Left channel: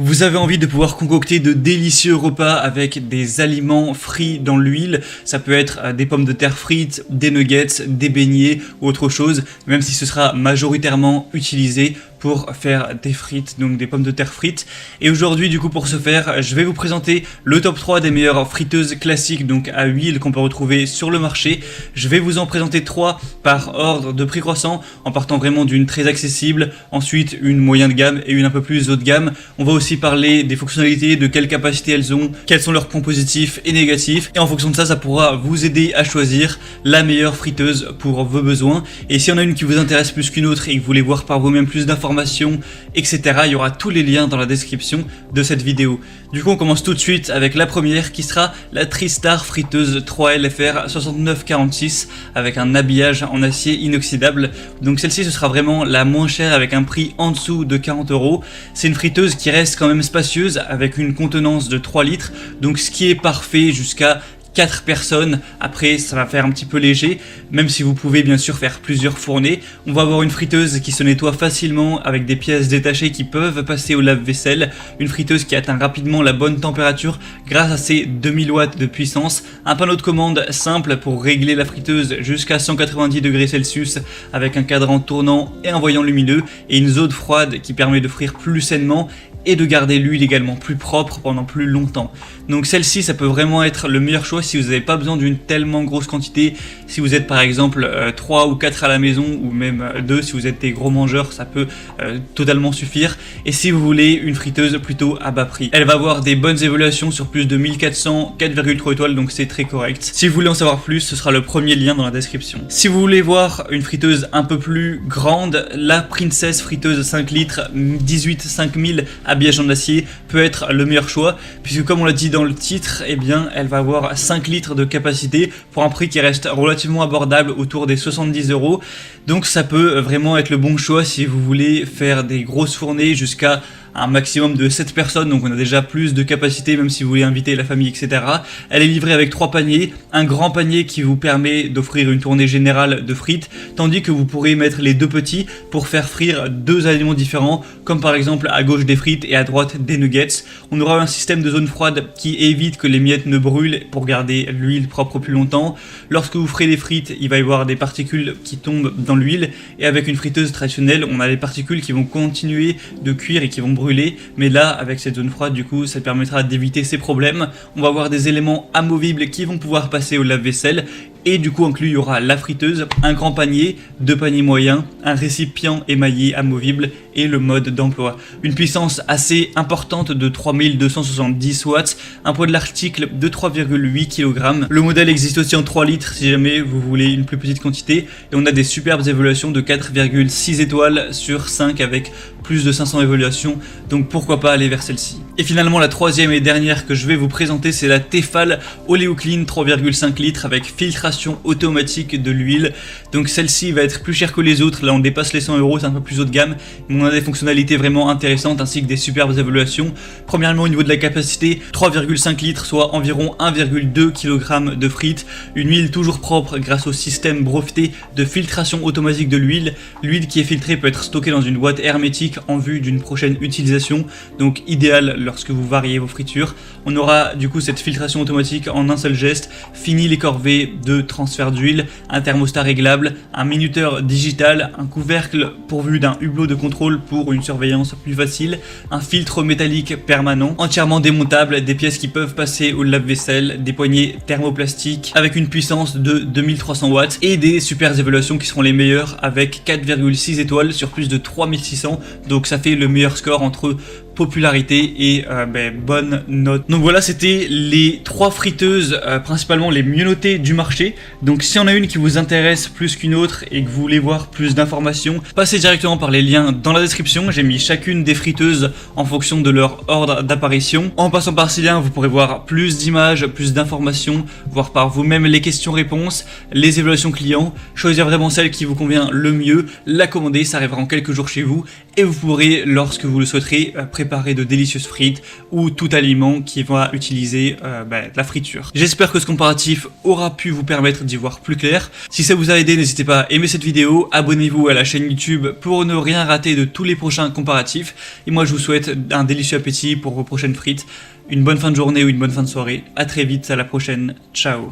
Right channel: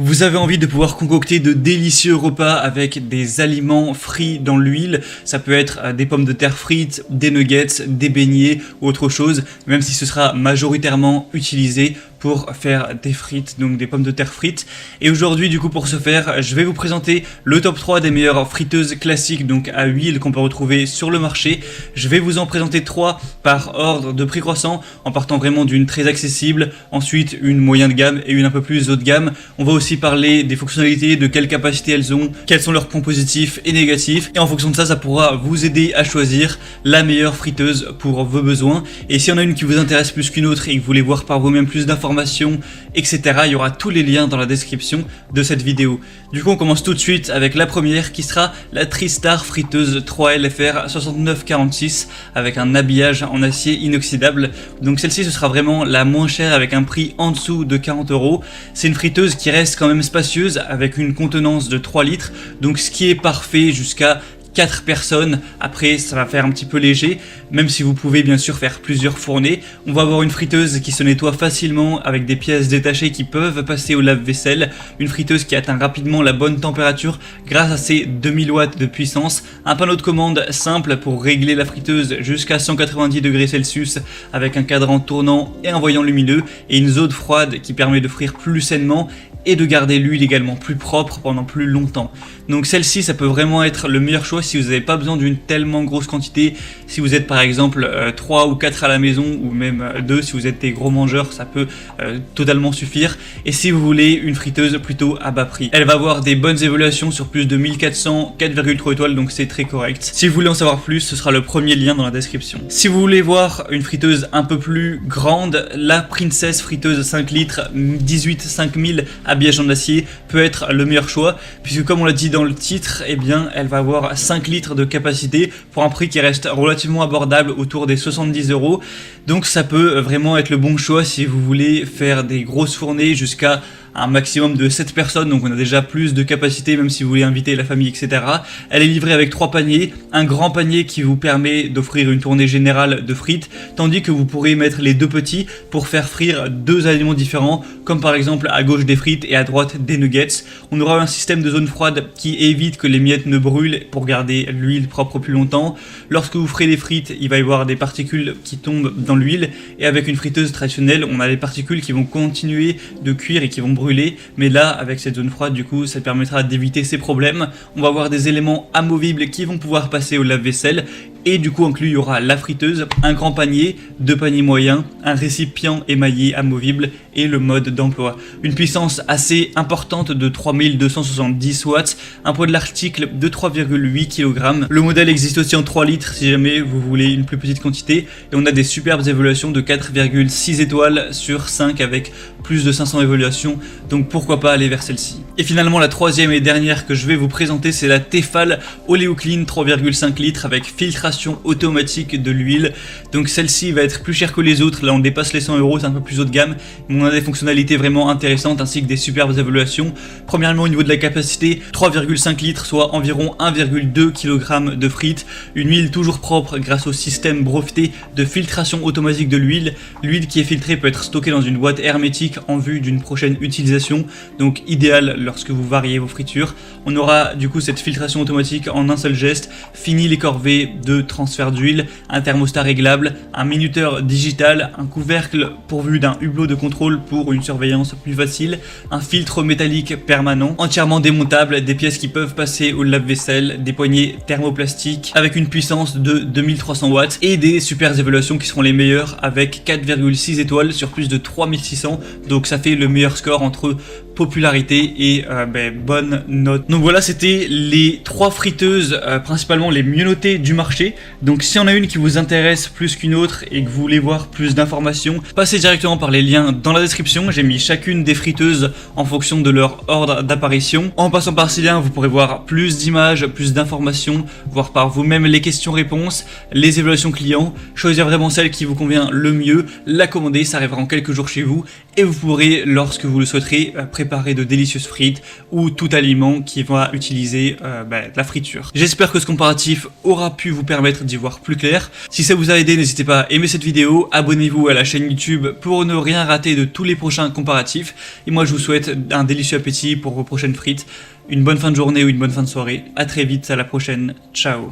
Vous avez envie de pouvoir concocter de délicieux repas avec des aliments frits dans l'huile. Ça peut être des pommes de terre frites, des nuggets, des beignets ou autre chose, même si ce sera majoritairement utilisé pour faire des frites, donc des pommes de terre frites. Et aujourd'hui, du coup, pour ce faire, je vais vous présenter le top 3 des meilleures friteuses classiques, donc à huile, qu'on peut retrouver sur le marché. Je vais vous en présenter 3 par ordre de prix croissant, en partant vraiment d'une très accessible, ensuite une moyenne de gamme et une un peu plus haut de gamme. On va aussi parler des fonctionnalités, de quelle capacité elles ont, quels sont leurs points positifs et négatifs. Et en fonction de ça, ça pourra vous aider à choisir la meilleure friteuse pour vos besoins. Et s'il y en a une qui vous intéresse plus qu'une autre et que vous voulez voir par vous-même plus d'informations, etc. Il y aura tous les liens dans la description de cette vidéo. Du coup, on commence tout de suite avec la première qui sera la Tristar friteuse 3LFR 6946 avec un habillage en acier inoxydable. Donc celle-ci, ce sera vraiment la moins chère avec un prix en dessous de 40 €. C'est une friteuse qui reste quand même spacieuse avec une contenance de 3 litres. Donc ce qui est parfait jusqu'à 4 personnes. Après, ça va faire un petit peu léger, même si vous pouvez bien sûr faire plusieurs fournées. On va avoir une friteuse qui se nettoie facilement avec des pièces détachées qui peuvent passer au lave-vaisselle. Une friteuse qui atteint rapidement la bonne température grâce à ses 2000 watts de puissance. Un panneau de commande simple pour régler la friteuse jusqu'à 190 degrés Celsius avec un cadran tournant et envoyant lumineux. Et une zone froide qui permet de frire plus sainement et de garder l'huile également plus propre pendant plus longtemps. Donc celle-ci, ça peut vraiment être le meilleur choix si vous n'avez pas besoin d'une tellement grosse quantité. Si vous êtes par exemple 3 ou 4 à la maison, ou même 2 si vous êtes des gros mangeurs, ça peut totalement suffire. Et si vous voulez une friteuse plutôt à bas prix, elle va avoir des bonnes évaluations sur plus de 1400, 4,3 étoiles, donc c'est très correct. Si vous voulez en savoir plus, ce sera le premier lien dans la description. Si vous voulez voir une friteuse un peu plus grande, la Princess friteuse 5 litres 18 5000 habillage en acier peut être le meilleur choix, puisque comme on l'a dit dans le titre, eh bien, elle va avoir 5 litres de capacité pour un prix qui reste relativement abordable, autour des 70 €. Donc ça peut vraiment être le bon choix si vous voulez faire des grosses fournées jusqu'à un maximum de 7 personnes, donc on a déjà plus de capacité même si vous voulez inviter la famille, etc. Elle est livrée avec 3 paniers, un grand panier qui vous permet d'offrir une tournée générale de frites, tandis que vous pourrez mettre les 2 petits pour faire frire 2 aliments différents, comme par exemple à gauche des frites et à droite des nuggets. On aura un système de zone froide qui évite que les miettes ne brûlent pour garder l'huile propre plus longtemps. Lorsque vous ferez les frites, il va y avoir des particules qui tombent dans l'huile, et avec une friteuse traditionnelle, on a les particules qui vont continuer de cuire et qui vont brûler, mais là, avec cette zone froide, du coup, ça permettra d'éviter ces problèmes. On va avoir des éléments amovibles qui vont pouvoir passer au lave-vaisselle, et du coup, inclus, il y aura la friteuse, un grand panier, 2 paniers moyens, un récipient émaillé amovible et le mode d'emploi. Une puissance assez importante de 3270 watts, un poids de l'article de 3,8 kg. Le modèle existe aussi en 3 litres si jamais vous voulez une plus petite quantité. Et on a des superbes évaluations de 4,6 étoiles sur 5 avec plus de 500 évaluations, donc pourquoi pas aller vers celle-ci. Et finalement, la troisième et dernière que je vais vous présenter, c'est la Tefal Oleoclean 3,5 litres avec filtration automatique de l'huile. Donc celle-ci va être plus chère que les autres, là on dépasse les 100 €, c'est un peu plus haut de gamme. On a des fonctionnalités vraiment intéressantes ainsi que des superbes évaluations. Premièrement, au niveau de la capacité, 3,5 litres, soit environ 1,2 kg de frites. Une huile toujours propre grâce au système breveté de filtration automatique de l'huile. L'huile qui est filtrée peut être stockée dans une boîte hermétique en vue d'une prochaine utilisation, donc idéal lorsque vous variez vos fritures. On aura du coup cette filtration automatique en un seul geste, fini les corvées de transfert d'huile, un thermostat réglable, un minuteur digital, un couvercle pourvu d'un hublot de contrôle pour une surveillance plus facile, un filtre métallique permanent, entièrement démontable, des pièces qui peuvent passer au lave-vaisselle, des poignées thermoplastiques avec une puissance de 2300 watts et des super évaluations qui seront les meilleures avec 4,6 étoiles sur plus de 3600, donc ça fait le meilleur score entre popularité et bonne note. Donc voilà, c'était les 3 friteuses principalement les mieux notées du marché. Donc si on a une qui vous intéresse plus qu'une autre et que vous voulez voir plus d'informations, passez directement par les liens dans la description. J'ai mis chacune des friteuses en fonction de leur ordre d'apparition. En passant par ces liens, vous pourrez voir plus d'images, plus d'informations, faire par vous-même les questions-réponses, les évaluations clients, choisir vraiment celle qui vous convient le mieux, la commander, ça arrivera en quelques jours chez vous et vous pourrez, lorsque vous le souhaiterez, préparer préparer de délicieuses frites ou tout aliment qui va utiliser la friture. J'espère que ce comparatif aura pu vous permettre d'y voir plus clair. Si ça vous a aidé, n'hésitez pas à aimer cette vidéo, abonnez-vous à la chaîne YouTube pour ne rien rater de tous les prochains comparatifs. Et moi je vous souhaite un délicieux appétit pour vos prochaines frites, une bonne fin de journée ou une bonne fin de soirée. À très vite, à la prochaine, ciao.